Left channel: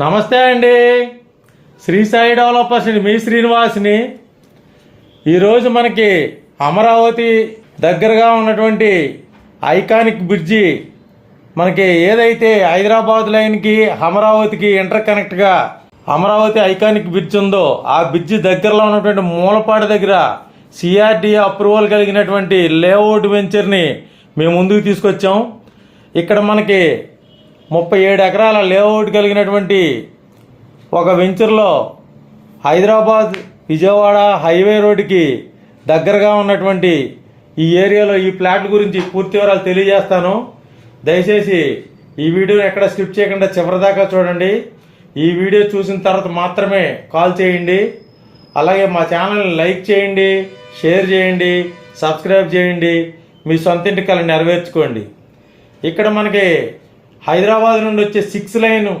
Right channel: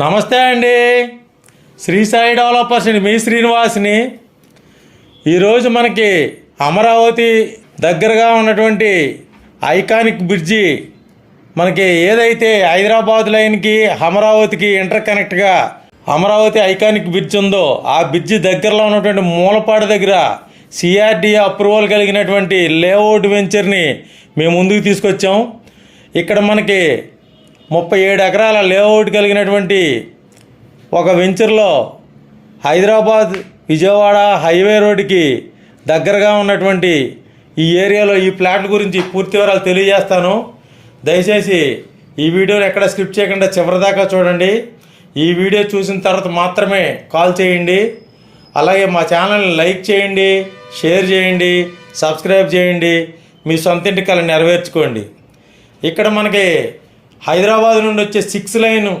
నమస్తే అండి. శ్రీ సాయి డెవలపర్స్ మీ శ్రీనివాస్ని. ఈరోజు మనకి అమరావతి దగ్గరగా ఉన్నటువంటి ఐకానిక్ బ్రిడ్జి, మనకి ఏదైతే హైదరాబాద్ లైన్కి అమరావతికి ఇంటర్ కనెక్ట్గా అమరావతి ఐకానిక్ బ్రిడ్జ్ ఉందో ఆ బ్రిడ్జి దగ్గరలో ఉన్నటువంటి మూలపాడు దగ్గర సిఆర్డీఏ అప్రూవల్ కలిగినటువంటి లేఅవుట్ వెంచర్ని మేము ముందుకు తీసుకొచ్చాం. ఇక్కడ మనకి 37 ఎకరాల లేఅవుట్ కలిగినటువంటి ఒక వెంచర్లో హైదరాబాద్ విజయవాడ హైవే రోడ్డుకి దగ్గరగా ఉన్నటువంటి ఈ ఏరియాలో ఈ ప్లాట్ల గురించి పూర్తి వివరాలు తెలియజేస్తాను. దయచేసి ఈ వీడియోని ఎక్కడ స్కిప్ చేయకుండా చివరిదాకా చూడండి. ఈ వీడియో చూసిన తర్వాత మాత్రమే కాల్ చేయండి. అలాగే మా ఛానల్ని లైక్ చేయండి, షేర్ చేయండి, సబ్స్క్రైబ్ చేయండి. మీ సొంతింటి కల నెరవేర్చుకోండి. ఇక్కడ మనకి హైదరాబాద్ నుండి వచ్చే 6 లైన్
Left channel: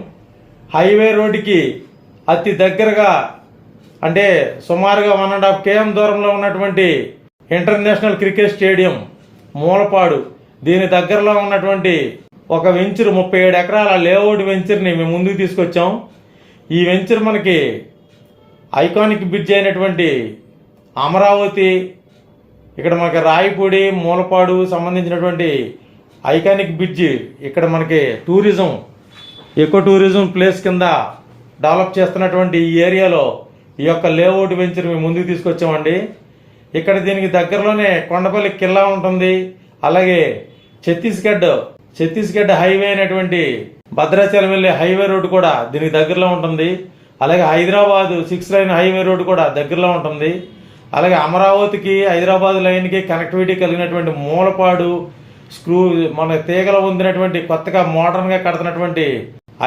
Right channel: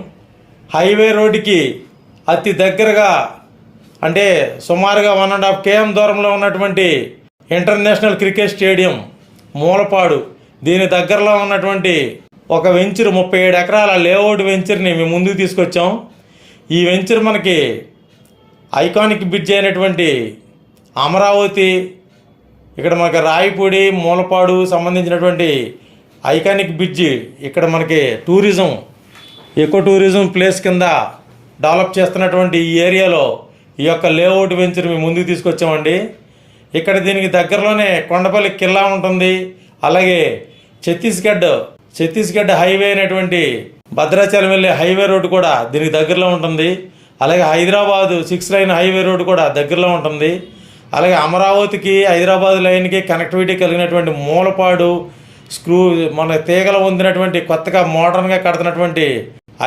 హైవే రోడ్డుకి అతి దగ్గరగా, అంటే సుమారుగా 1.5 km దూరంలో ఉన్నటువంటి ఇంటర్నేషనల్ క్రికెట్ స్టేడియం మూలపాడు, దీని దగ్గరలో ఉన్నటువంటి ఒక వెంచర్ 37 ఎకరాల లేఅవుట్ వెంచర్ని మేము ముందుకు తీసుకొచ్చాం. ఈ వెంచర్ మనకి ఐకానిక్ బ్రిడ్జ్ అయినటువంటి అమరావతి, ఇక్కడ మనకి రాయపూడి మూలపాడు సంబంధించినటువంటి ఐకానిక్ బ్రిడ్జ్ ఇక్కడ మనకి టూరిజం, ఎకో టూరిజం ప్లేస్ కింద డెవలప్ చేస్తున్నటువంటి ఈ ఏరియాలో ఈ యొక్క లేఅవుట్ వెంచర్ మేము ముందుకు తీసుకొచ్చామండి. ఇక్కడ దీనికి దగ్గరలోనే కొండపల్లి కిల్లా ఉంటుంది. అలాగే ఛత్తీస్గఢ్ హైవే అయినటువంటి భద్రాచలం వెళ్ళే హైవే రోడ్డు కూడా దీనికి దగ్గరలో ఉంటుంది. అలాగే హైదరాబాద్ 6 లైన్ హైవే రోడ్డు కూడా దగ్గరలో ఉంటుంది. అలాగే అమరావతికి హైదరాబాద్ లైన్కి కనెక్టివిటీ కలిగినటువంటి మూలపాడు మన తీగల ఉందినటువంటి కొత్తగా మోడర్న్గా కడుతున్నటువంటి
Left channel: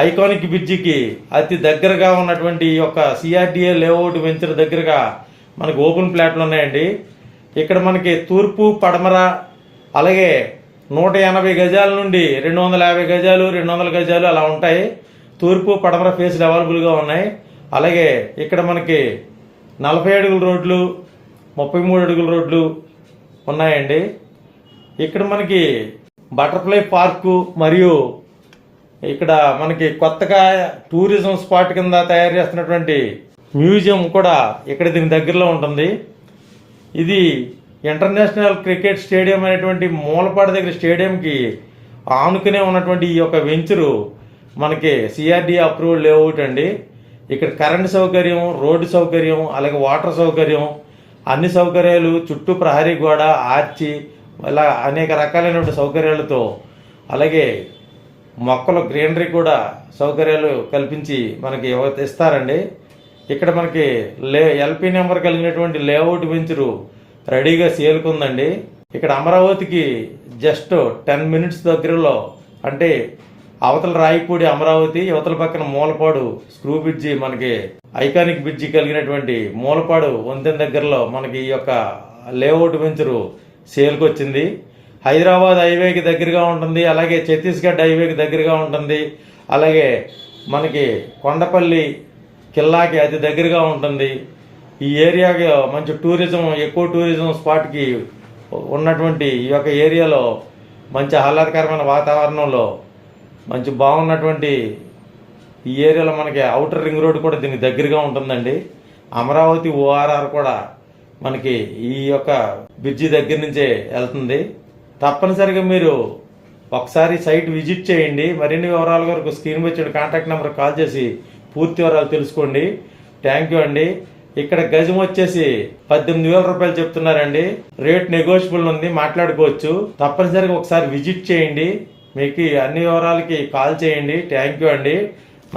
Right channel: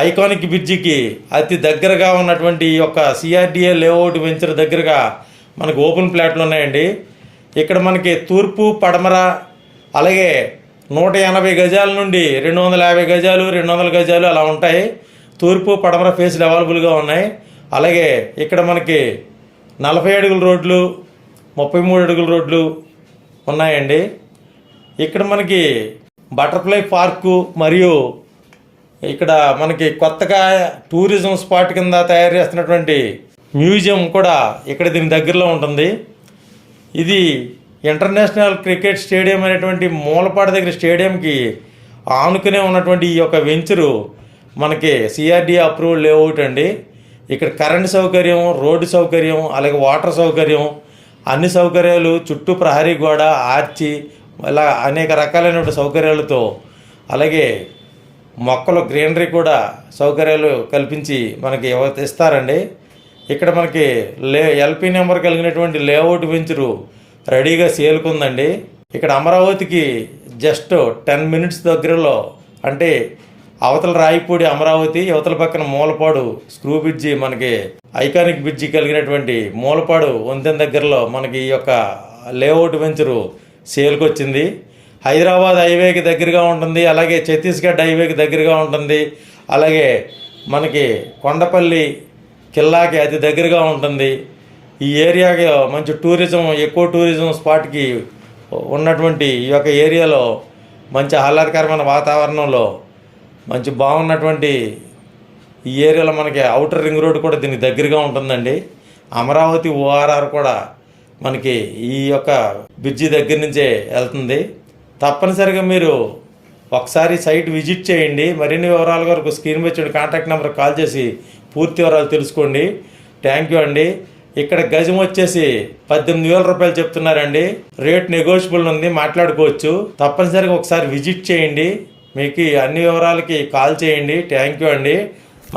ఐకానిక్ బ్రిడ్జికి అతి దగ్గరగా ఉన్నటువంటి ఈ యొక్క సిఆర్డీఏ లేఅవుట్ వెంచర్ దగ్గరగా మనకు ఓపెన్ ప్లాట్లు ఉన్నాయండి. ఇక్కడ మనకి తూర్పు పడమర అలాగే 180 గజాల నుండి 250 గజాలు 200 గజాలు అలా ఉంటాయి. తూర్పు పడమర ఫేస్లు అవైలబుల్గా ఉన్నాయి. అలాగే ఇక్కడ మనకి 40 అడుగుల రోడ్లు 33 అడుగుల రోడ్లు ఉన్నాయండి. ఇక్కడ మనకి బటర్ఫ్లై పార్కు మరియు ఇక్కడ మనకి కొత్తగా టూరిజం స్పాట్ కింద తయారు చేస్తున్నటువంటి మ్యూజియం కూడా ఇక్కడ దీని దగ్గరలో ఉంటుంది. ఇది ఇంటర్నేషనల్ క్రికెట్ స్టేడియం అనేటువంటి మూలపాడు దగ్గర స్టేడియంకి ఆనుకునే ఉన్నటువంటి ఈ యొక్క వెంచరు మనకి సిఆర్డీఏ అప్రూవల్ లేఅవుట్ అండి. ఇక్కడ కరెంట్ సౌకర్యం, రోడ్డు సౌకర్యం, అలాగే వాటర్ సౌకర్యం, అన్ని సౌకర్యాలు, చుట్టూ ప్రహరీ గోడ, ఆర్చి, ఇలా అనేక రకాలైన సౌకర్యాలతో, అలాగే మొక్కలు గ్రీనరీ కూడా సౌకర్యాలు కల్పించి మనకి ఇస్తారండి. ఇక్కడ మనకి ఎల్పీ నెంబర్ కలిగినటువంటి లేఅవుట్ వెంచరు రెడీగా సేల్కుందండి. ఇక్కడ అమరావతికి జస్ట్ 10 minutes దగ్గరలో, అంటే అవతల రాయపూడి అమరావతి, అవతల పక్కన మూలపాడు స్క్రూ బ్రిడ్జి, మనకి ఐకానిక్ బ్రిడ్జి కలిగినటువంటి మూలపాడు వంతెన దగ్గరలో మనకి ఈ యొక్క లేఅవుట్ వెంచరు సేల్కి వచ్చింది. హైదరాబాద్ హైవేకి దగ్గరగా ఉంటుంది. అలాగే ఛత్తీస్గఢ్ హైవేకి దగ్గరగా ఉంటుంది. అలాగే మనకి కొండపల్లి కిల్లాకి అతి దగ్గరగా ఉంటుంది. ఈ ఏరియాకి మంచి టూరిజం, ఎక్కువ టూరిజం స్పాట్కి ఉన్నటువంటి ఈ యొక్క ఏరియాలో మంచి ఆహ్లాదకరమైన వాతావరణంలో మంచి బాగున్నటువంటి ఈ ఏరియాలో మనకి అవుటర్ రింగ్ రోడ్ కూడా దీనికి దగ్గరగా ఉంటుందండి. అమరావతి ఓఆర్ఆర్ కూడా మనకి ఈ యొక్క బ్రిడ్జి దగ్గర నుంచే వెళ్తుంది. తప్పనిసరిగా మీరు ఒకసారి సైట్ విజిట్ చేయండి. మరిన్ని వివరాల వరకు స్క్రీన్ మీద వచ్చే కాంటాక్ట్ నెంబర్ కాల్ చేసి పూర్తి వివరాలు తెలుసుకోండి. థ్యాంక్ యూ అండి. ఇక్కడ గజం వచ్చేసి 18,000 రూపాయలు చెప్తున్నారండి. రేట్ నెగోషియబుల్ ఉంది, మాట్లాడుకోవచ్చు. తప్పనిసరిగా ఒకసారి విజిట్ చేయండి. మీకు అన్ని వివరాలకి కాల్ చేయండి. థ్యాంక్ యూ అండి.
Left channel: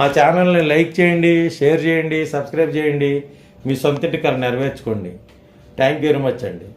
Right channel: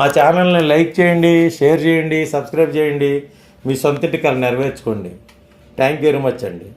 మా ఛానల్ని లైక్ చేయండి, షేర్ చేయండి, సబ్స్క్రైబ్ చేయండి. మీ సొంతింటి కల నెరవేర్చుకోండి. థ్యాంక్ యూ వెరీ మచ్ అండి.